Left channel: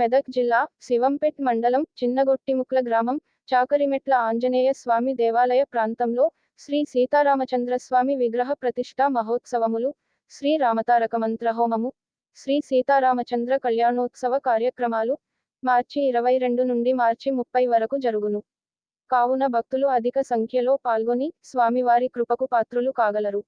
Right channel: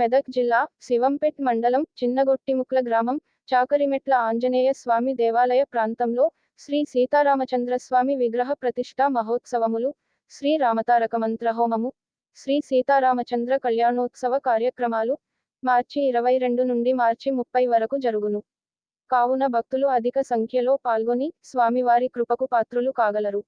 మెదక్ జిల్లా శివంపేట్ మండలం చిన్నగొట్టిముక్ల గ్రామం చాకరిమెట్ల ఆంజనేయ స్వామి దేవాలయ ప్రాంతంలో శ్రీ సీతారామచంద్రస్వామి విగ్రహ ప్రతిష్ఠా మహోత్సవములు, శ్రీ రామతారక మంత్రహోమము, శ్రీ సీతారామచంద్ర కళ్యాణోత్సవ కార్యక్రమాలు మార్చి 22 నుండి మార్చి 30 వరకు జరుగును. కావున భక్తులు అధిక సంఖ్యలో పాల్గొని స్వామివారి కృపకు పాత్రులు కాగలరు.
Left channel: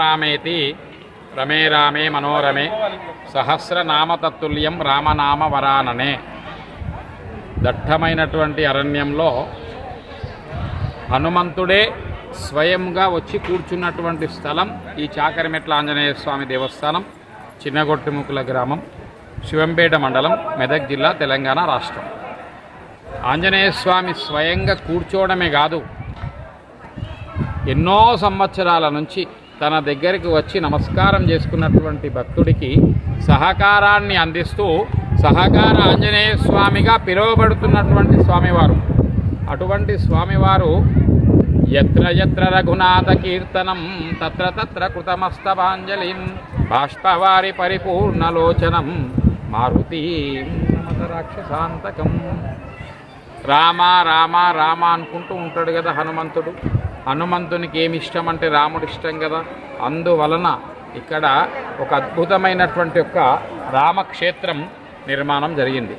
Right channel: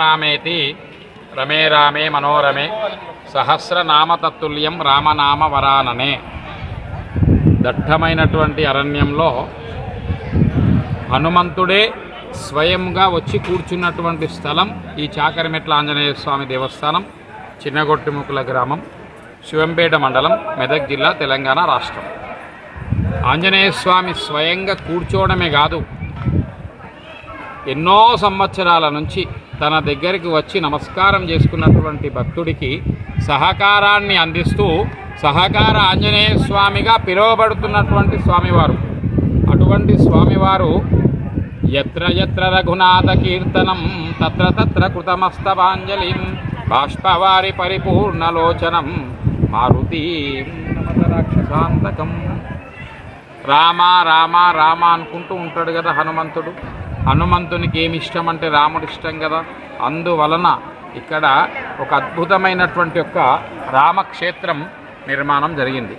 రామేతి రమే రామే మనోరమే సహస్రనామతత్తుల్యం రామనామ వరాననే. దట్టమైనటువంటి అరణ్యంలో హనుమంతుడే స్వయంగా వచ్చి కూర్చున్నటువంటి స్థలం ఈ చాకరిమెట్ల ఆంజనేయ స్వామి దేవస్థానం, చిన్నగొట్టిముకుల గ్రామం, శివంపేట మండలం, మెదక్ జిల్లా, తెలంగాణ రాష్ట్రం. ఆంజనేయ స్వామి స్వయంగా కూర్చోవడమే కాదు, ఎన్నో సంవత్సరాల నుంచి తన దగ్గరికి వచ్చి నమస్కారం చేసుకున్నటువంటి భక్తుడికి సహకారాన్ని అందిస్తూ సహకార ఆంజనేయ స్వామిగా పిలువబడుతున్నటువంటి స్వామివారు. అటువంటి స్వామివారు యత్ర యత్ర రఘునాథ కీర్తనం తత్ర తత్ర కృతమస్తవాంజలిం బాష్పవారి పరిపూర్ణలోచనం మారుతి నమత రాక్షసాంతకం. రామ రామ రామ అనుకుంటూ ఉంటాడు కదా హనుమంతుడు. హనుమంతునికి ఏమి ఇష్టం అంటే రాముడు ఇష్టం కదా. అందువలన ఇక్కడ ఒక అద్భుతమైనటువంటి రామక్షేత్రం నిర్మాణం జరిగింది.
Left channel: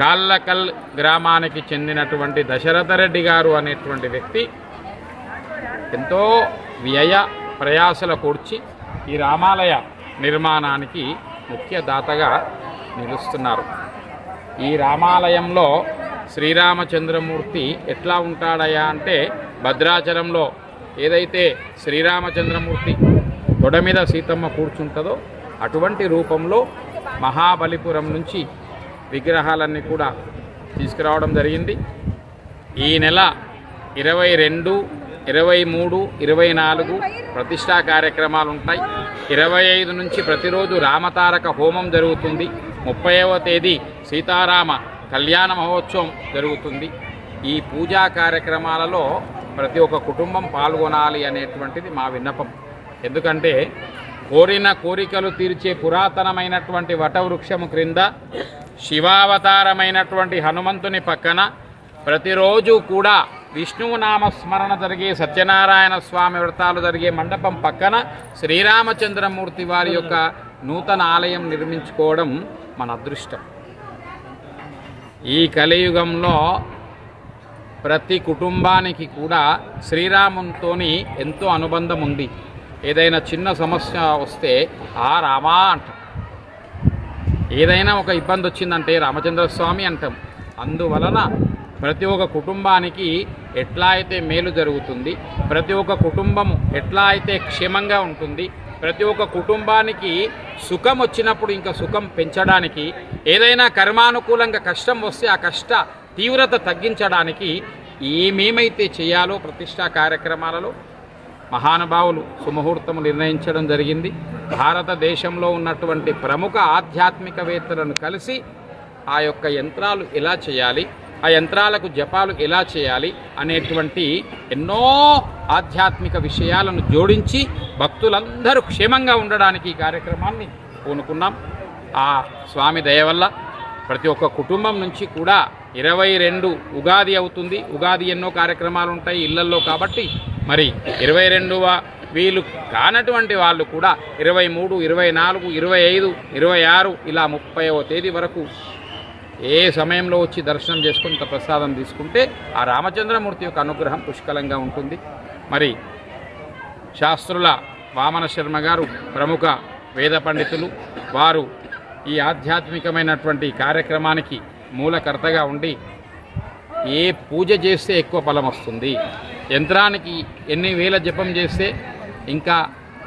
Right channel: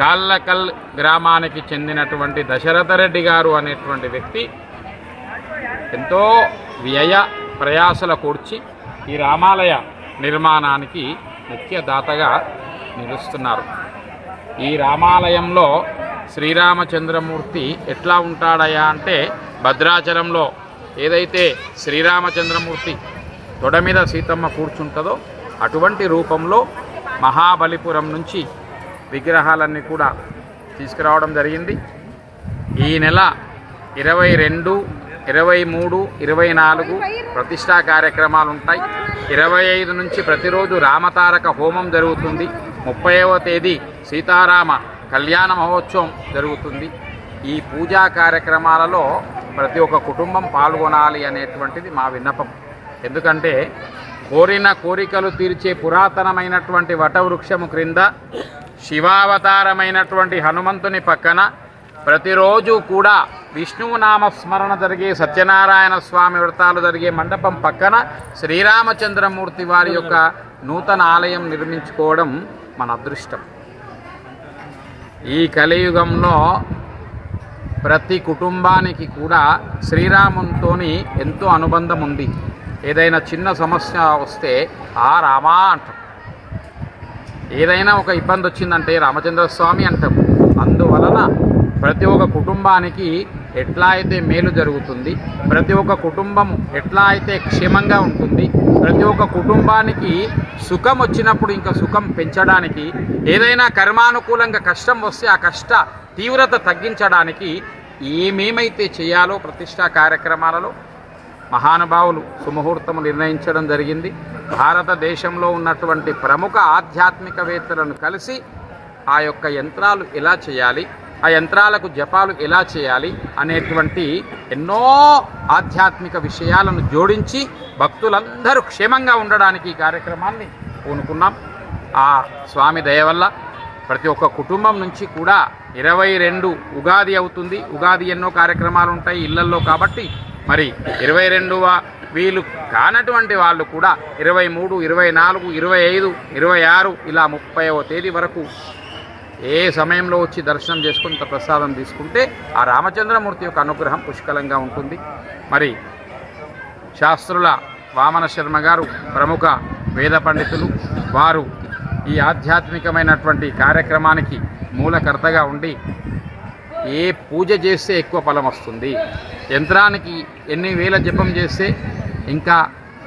కాళ్ళకల్ గ్రామానికి చెందినటువంటి దశరథ రెడ్డి గారు అనేటువంటి వ్యక్తి ఎంతో వ్యయ ప్రయాసల కూర్చి ఈ రామాలయ నిర్మాణానికి ముఖ్య దాతగా నిలుస్తున్నారు. ఈ రామాలయంలో శ్రీరామచంద్రమూర్తి ఎట్లా ఉంటాడయా అంటే, భద్రాచలంలో ఏదైతే శ్రీరామచంద్రమూర్తి తొడ మీద సీతమ్మ కూర్చుంటుందో అటువంటి రూపంలో మహాబలిపురం నుంచి విగ్రహాలన్నీ కూడా తీసుకురావడం జరిగింది. ఈ నెల 22, 23, 24 ప్రతిష్టా కార్యక్రమాలు ఉంటాయి. 25 నుంచి ప్రతిరోజు రామతారక హోమం జరుగుతుంది. 30వ తేదీ సీతారామ కళ్యాణ మహోత్సవం జరుగుతుంది. ఈ పూజా కార్యక్రమాలలో ప్రతి ఒక్క కుటుంబం పాల్గొనాలి అనేటువంటిది మా విన్నపం. ఎందుకంటే కోరిన కోరికలు తీర్చే పురాతనమైనటువంటి వటవృక్షము క్రింద శివావతారమైనటువంటి హనుమంతుని పక్కన ప్రతిరోజు కూడా విష్ణువు నామస్మరణ జరిగే సత్యనారాయణ స్వామి వ్రతాలు జరిగే మండపం పక్కన శ్రీరామచంద్రమూర్తి వారి యొక్క నూతన ఆలయం నిర్మించుకోవడం మన అదృష్టం. ఈ కలియుగంలో ప్రతి కుటుంబానికి కూడా శ్రీరామునితోని ఎంతో అనుబంధం ఉంది. ఏదైనా చిన్న సమస్య వస్తే ఆ రామా అంటాం, ఏదైనా ఒక ఇబ్బంది వచ్చిందంటే రామచంద్రస్వామి అంటాం. అందువలన ప్రతి ఒక్క కుటుంబానికి ఎట్లా అయితే మేలు జరుగుతుంది, ప్రతి ఒక్క కుటుంబము ఎట్లా అయితే క్షేమంగా ఉంటుంది, ప్రతి ఒక్క కుటుంబానికి సుఖం వచ్చినప్పుడు ఇంకా సుఖం పెంచడానికి, ఏదైనా కర్మానుకూలంగా కష్టం వస్తే ఆ కష్ట తీవ్రత తగ్గించడానికి ఏమేమైతే చేయాలో ప్రతిష్టా కార్యక్రమాలలో మహానుభావులు సుముహూర్తము నిర్ణయించడం జరిగింది. భారతదేశంలో ఉన్నటువంటి ప్రముఖ ఆధ్యాత్మికవేత్తలను కలిసి ఆ యొక్క యంత్రాలు ఎలా చేయాలి, ఆ యంత్రాలకు జపాలు ఎలా చేయాలి అనేటువంటి ఎన్నో ఆధ్యాత్మిక విషయాలను జోడించి భక్తులందరూ క్షేమంగా ఉండడానికి ఈ కార్యక్రమాన్ని పూనుకున్నాం. ఆ స్వామి దయ వల్ల ప్రతి ఒక్క కుటుంబం నుంచి కూడా 22 ఉగాది అవుతుంది. ఉగాది ఎన్నో కార్యక్రమాలు ఉంటాయి ఇళ్లల్లో, కాబట్టి మరి 22వ వీలు కానటువంటి వాళ్ళు కూడా 23, 24, 25, 26 ఇలా 30వ తేదీ వరకు ఏ సమయంలో వచ్చి దర్శనం చేసుకుని ఇంత ప్రసాదం తీసుకుంటే ఆ రామచంద్రమూర్తి యొక్క అనుగ్రహం పుష్కలంగా ఉంటుంది. మరి శాస్త్రుల వామన శర్మ గారు ప్రముఖ వేద పండితులు, వారు ఈ ఆధ్యాత్మికమైనటువంటి కార్యక్రమానికి మూలకర్తగా ఉండి ఏ పూజ చేస్తే ఎక్కువ ఫలం వస్తుంది, యంత్రానికి ఎన్ని వేల జపం చేస్తే ఇంకా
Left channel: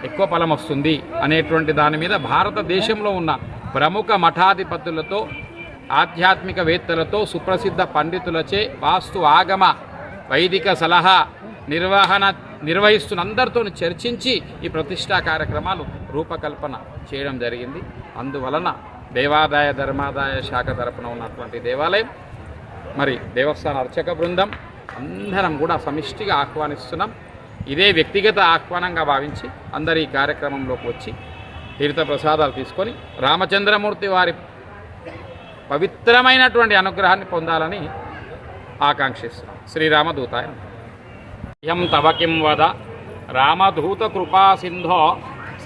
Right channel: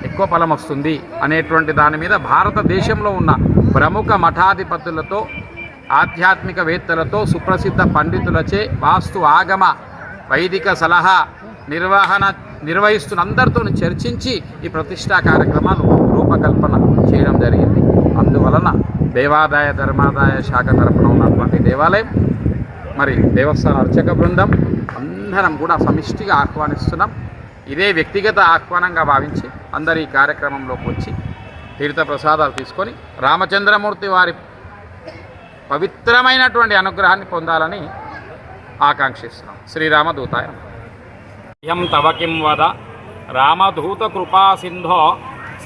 ఎక్కువ ఫలం వస్తుంది అనేటువంటి దాని మీద భారతదేశంలో ఉన్న ప్రముఖ మఠాధిపతులతో, ఆధ్యాత్మికవేత్తలతో, సుప్రసిద్ధ పండితులచే వాస్తు ఆగమ వైదిక సలహా నిర్వహిస్తున్న అందరితో చర్చించి ఈ ప్రతిష్టా కార్యక్రమాలు రూపకల్పన చేయడం జరిగింది. అందువలన దేవాదాయ ధర్మాదాయ శాఖ తరపున ఉన్నటువంటి దేవాలయం, మరి దేవస్థాన అర్చక బృందం అందరం కూడా సమిష్టిగా ఆహ్వానిస్తున్నాం. ఇదే వ్యక్తిగత ఆహ్వానంగా భావించి అందరు ఈ కార్యక్రమంలోకి వచ్చి తీర్థ ప్రసాదాలు తీసుకొని రామచంద్రమూర్తి వారి పవిత్రమైనటువంటి అనుగ్రహాన్ని పొందాలని ఆకాంక్షిస్తున్నాం. శ్రీరామదూతాయ ఇహం తవ కిం వద రామదూత కృపా సింధో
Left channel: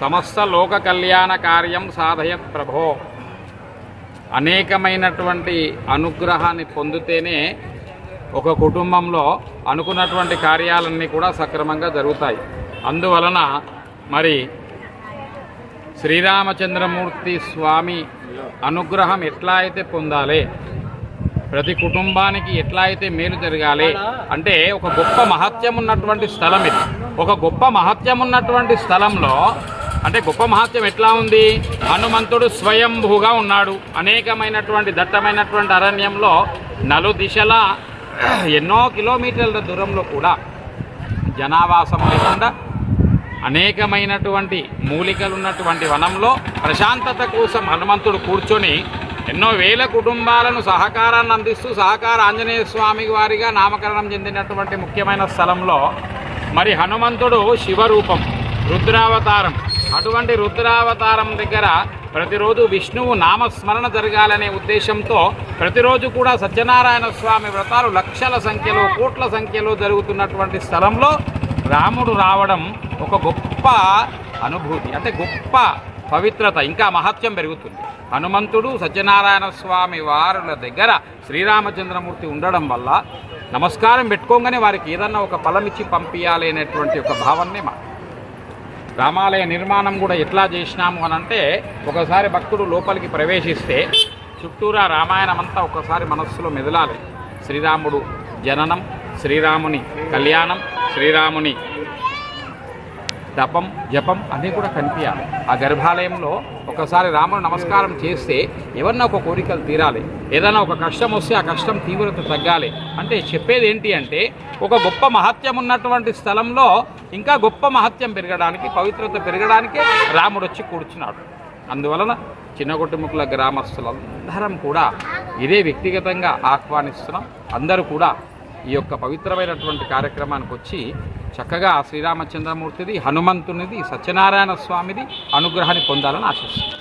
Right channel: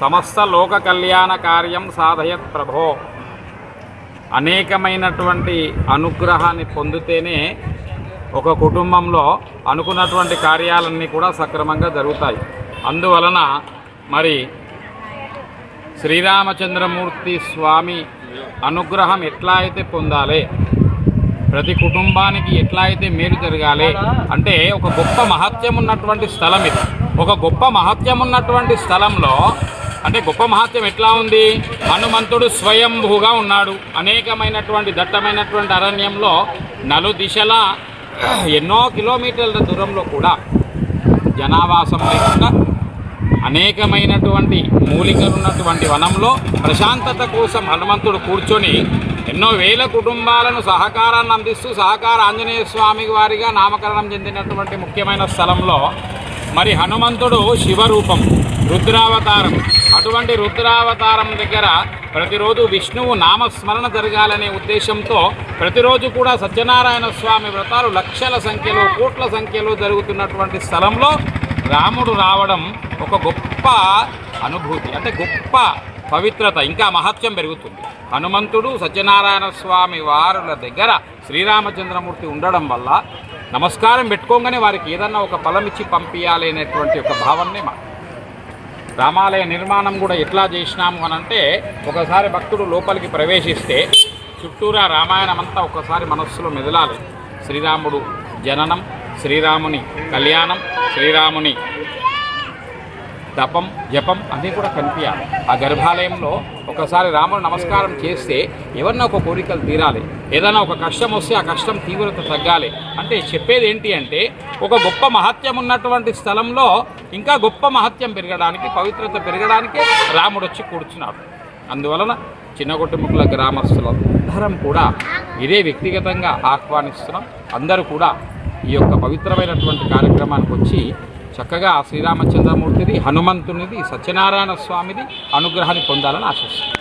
సమస్త లోక కళ్యాణ కార్యం సాధయత్ ప్రభో. అనేకమైనటువంటి అనుగ్రహాన్ని పొందితేనే ఒక కుటుంబంలో అనుకున్నటువంటి కార్యాలన్నీ కూడా సక్రమంగా జరుగుతాయి. అందువలన మరి శ్రీరామచంద్రమూర్తి స్వామి అనుగ్రహం ఎట్లా అయితే పొందాలి, ప్రతి కుటుంబానికి ఎట్లా అయితే మేలు జరగాలి అంటే ఒక గొప్ప మహత్యం ఉన్నటువంటి స్థలం ఇది. ఒక గొప్ప మహత్యం ఉన్నటువంటి స్థలంలో అంటే గొప్ప మహత్యం ఎట్లా ఉంది, హనుమంతుడు స్వయంభూగా ఉన్నాడు. అనేకమైనటువంటి దట్టమైనటువంటి అరణ్యంలో నలుదిశలా ఎన్నో కిలోమీటర్ల దూరంలో కూడా జనావాసం లేకుండా అనేకమైనటువంటి మూలికలు ఉన్నటువంటి వనంలో ప్రశాంతత కోసం హనుమంతుడు కూర్చొని ఎన్నో వేల కుటుంబాలను సహకారాన్ని అందిస్తూ సహకార ఆంజనేయ స్వామి వారిగా నామకరణం చెందినటువంటి ముఖ్యమైన స్థలంలో మరి హనుమంతుడు శివరూపం, రుద్రావతారం. అటువంటి రుద్రావతారం దగ్గర ప్రతిరోజు విష్ణువు నామస్మరణ జరగాలనే ఉద్దేశంతో ప్రతిరోజు కూడా సత్యనారాయణ స్వామి వ్రతాలు లక్షల సంఖ్యలో, కోట్ల సంఖ్యలో జరుగుతున్నటువంటి స్థలంలో రాముడు రావడం ఒక గొప్ప అనుభూతి. అంటే గొప్ప పవిత్రత ఇంకా మహత్యం పెరుగుతుంది. హనుమంతుడు సత్యనారాయణ స్వామి వారుల దగ్గర శ్రీరామచంద్రమూర్తి ఉండడం వల్ల నమస్కారం పెట్టుకోగానే వారికి ఏదన్నా ఒక ఫలం ఇచ్చి పంపించాలి అనేటువంటి ఒక భావనే మా రామాలయ నిర్మాణం కూడా ఎట్లా చేసినాము అని అంటే, ఒకసారి భక్తుడు లోపలికి ప్రవేశిస్తే చుట్టూరా రామాయణం అంతా ఒకసారి మనస్సులో మెదలాలి. శ్రీరాముడు జననం, శ్రీరాముని కళ్యాణం, శ్రీరాముని తపం జపం అన్నీ కూడా కనిపించాలి. ఆ గర్భాలయంలో ఒకసారి రాముడు నమస్కారం చేస్తే ఏమన్నా ఒక కోరికలు తీరాలి, ఏదైనా ఒక కష్టం వస్తే ఆ కష్టం తీవ్రత తగ్గాలి. అంటే చెప్పేది ఏంటి అంటే, ఒక గొప్ప మహత్యం ఉన్నటువంటి స్థలంలో ఇంకా గొప్ప మహత్యం పెరగడానికి, పవిత్రత పెరగడానికి రాముడు వచ్చి కూర్చున్నాడు. అందువలన చిన్నగొట్టిముక్కల గ్రామస్తులందరం కూడా ఇదే వ్యక్తిగతంగా ఆహ్వానిస్తున్నాం. అందరూ కూడా ఈ యొక్క పవిత్రమైనటువంటి కార్యక్రమానికి వచ్చి చక్కగా శ్రీరామచంద్రమూర్తిది, హనుమంతునిది, సత్యనారాయణ స్వామిది అనుగ్రహాన్ని పొందాలని ఆశిస్తున్నాం.